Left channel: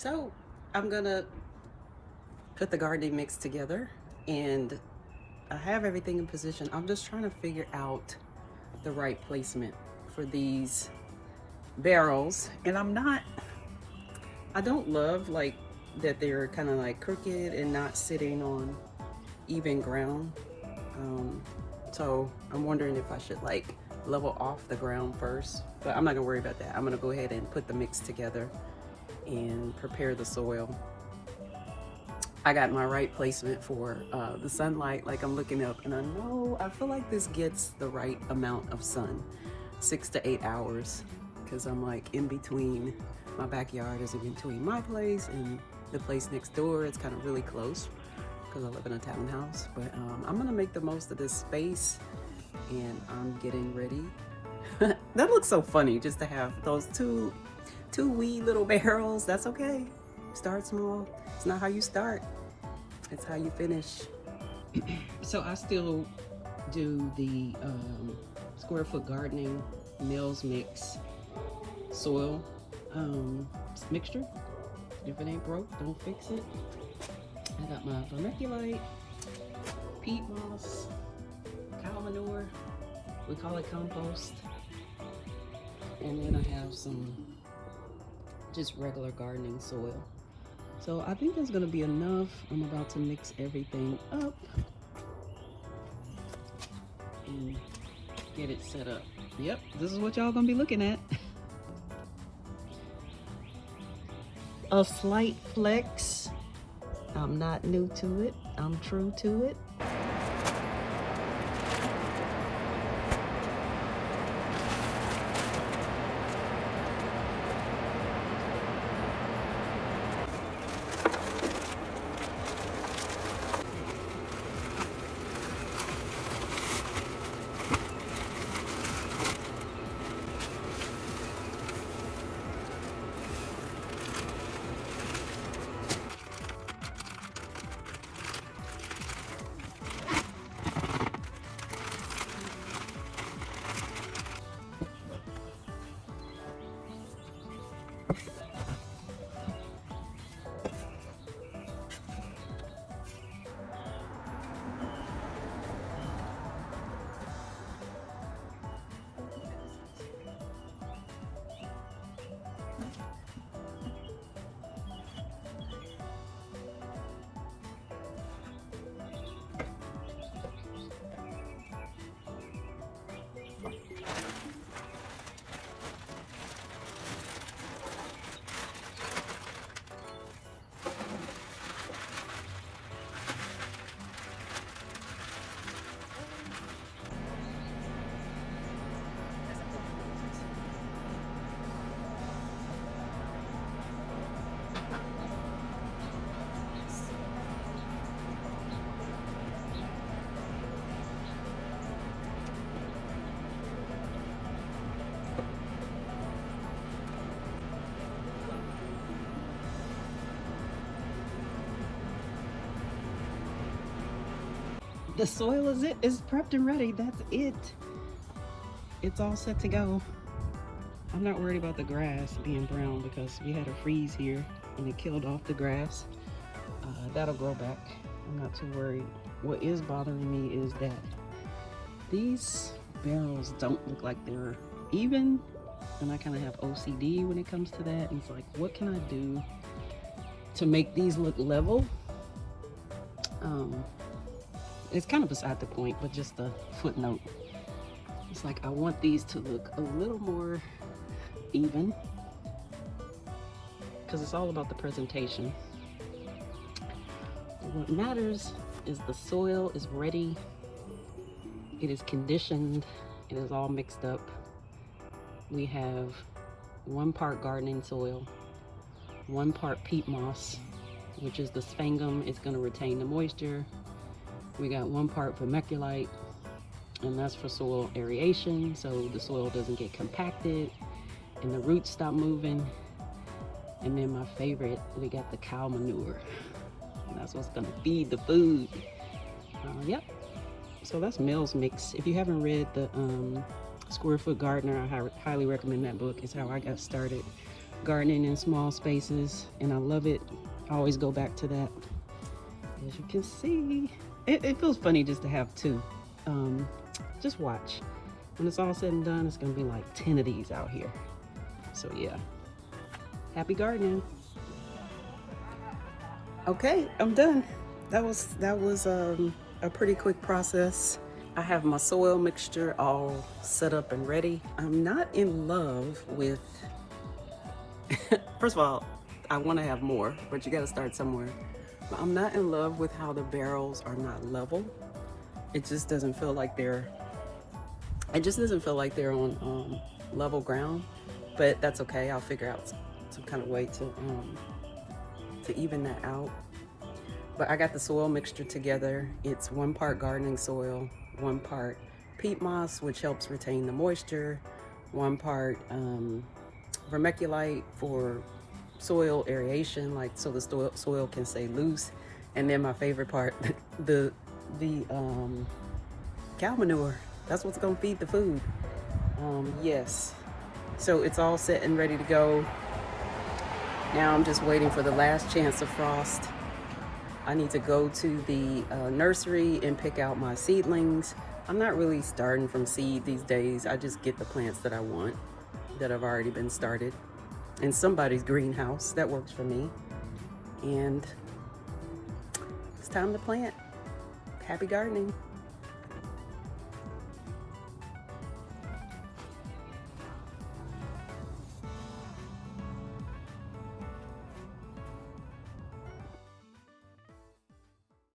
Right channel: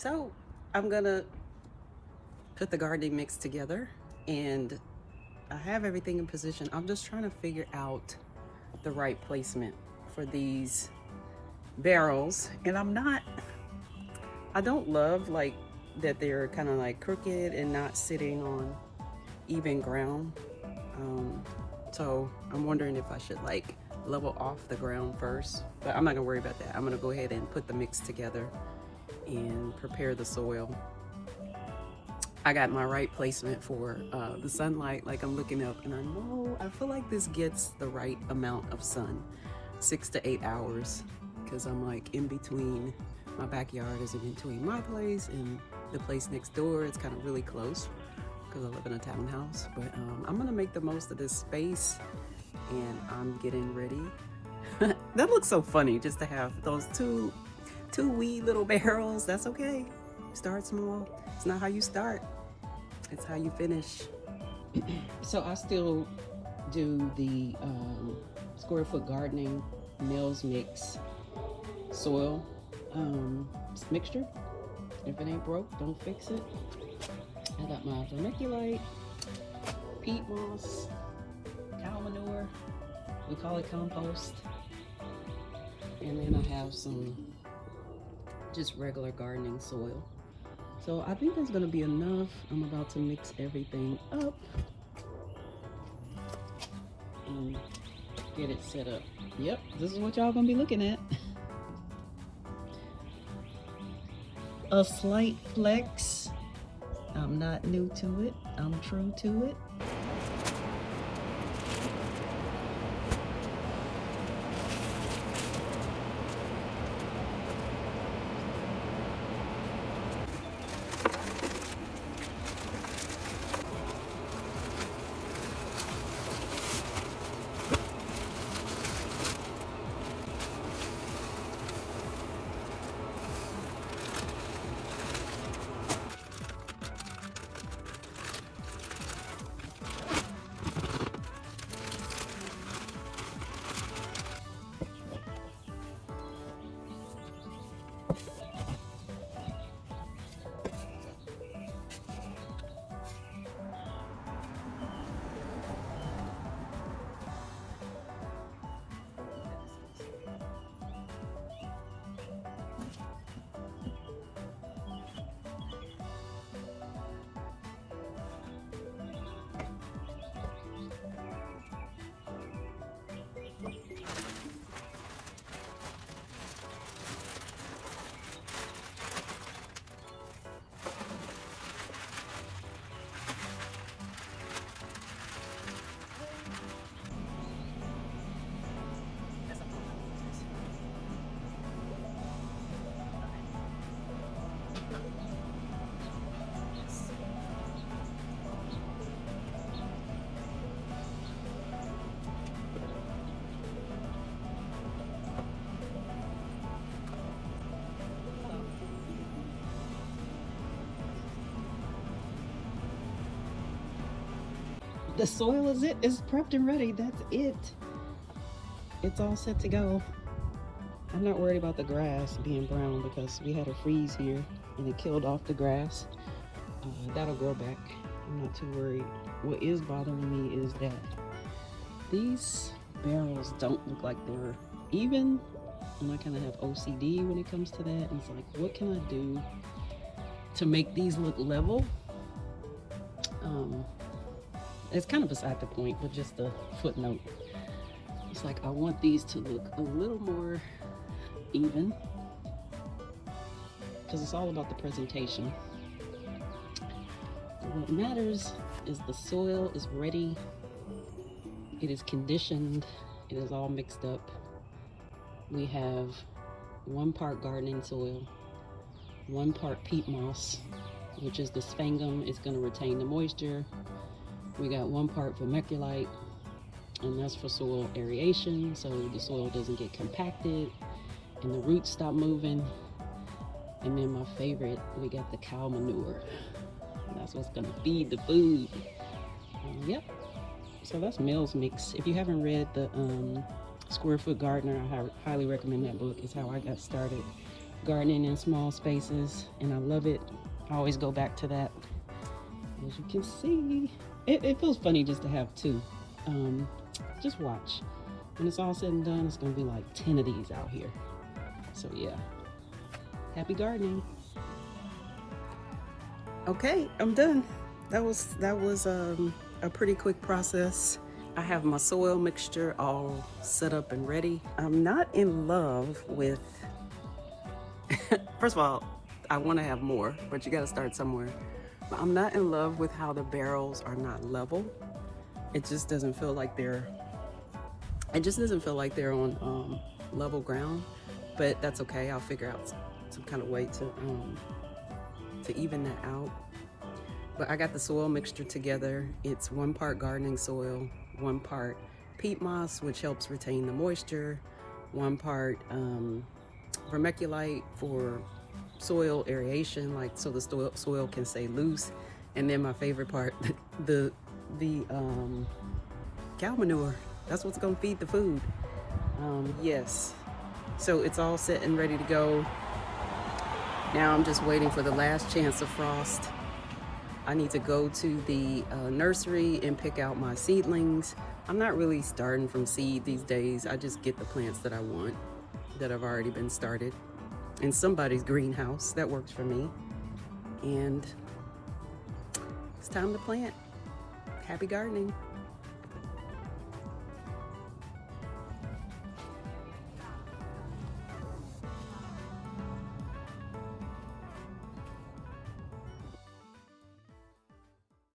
So I'm gonna put the gardening mix together and I have everything in position. I'm just trying to figure out the right placement for these barrels. And I don't love like that they're kind of like crooked and not sitting on even ground. So I'm wondering if I should like level off the ground first, but I'm not gonna worry about that. I'm gonna go ahead and put the mix together and prepare the soil. I got my right placement for the sunlight, like I'm looking up, and I feel like this gets the right amount of sun, 6 to 8 hours, because I'm like in between. My backyard is in between my place and the place next door. It's kind of really close because I live in a townhouse, but I'm gonna make the most of this space and I'm getting ready. That looks so funny just to have those two wee little barrels. That's okay. Start small. It's not how you start, it's how you finish. So I still do the square foot gardening Mills Mix soil mixture. If it ain't broke, don't fix it. I got my vermiculite, peat moss, cow manure, we call it compost, and then I have some just regular gardening soil. So I think that's gonna be enough. I'm about to mix everything up and get it set up. Yep, this is what y'all gonna be looking at. A slight flex. I'm not new to it. I'm true to it. The soil is prepped and ready. That's it. It's all set to go. I'm not worried about the grass being brown because we had a freeze here and it killed off the grass. That'll grow back. I'm not too worried. What is bothering me is that these barrels don't look like they're even, and I kind of have OCD when it comes to that. And it's like, what can I do to make these look level? It's kind of beside the point, but just a footnote. It's like I want these to look a little more even because it's all about the presentation. What matters is the soil is ready, it is conditioned, it is all mixed up. We have 1 part gardening soil, 1 part peat moss, which is the sphangum. It's going to retain the moisture. We got 1 part vermiculite, and that's for soil aeration, so the soil doesn't get compacted and the roots stop moving. And then my favorite, we got the cow manure. And that's what's gonna feed the food. Yep. So that's Mills Mix. If you haven't read the Square Foot Gardener, I highly recommend that book. It's how I got started gardening in small spaces, and I love it. I always go back to that. As you can see, it feels funny just to have two. Just watch. When it's all said and done, it's gonna be like 10 of these out here. So yeah, happy gardening. Okay, I'm done. That was a pretty quick process. I have my soil mixture all set up and ready. I'm not in love with, first of all, I want to have more, but you got to start somewhere. But I'm not in love with how the barrels are not level. It just doesn't feel like they're on level ground, but that's okay. I'll figure out some kind of way to even that out. But I got the soil mixture together. It's 1 part gardening soil, 1 part peat moss, which helps retain the moisture, 1 part vermiculite for soil aeration, like so the soil can stay loose, and then my favorite part, the cow manure. That's what's gonna feed the food. Yes, so it's all set and ready to go. Now I'm just waiting for the last chance of frost. I need to go to the nursery and pick out my seedlings. I'm not really starting from seed these days. I just get the plants that I want, that have already been started in somebody's greenhouse. That works for me. And it's time to plant. Happy gardening.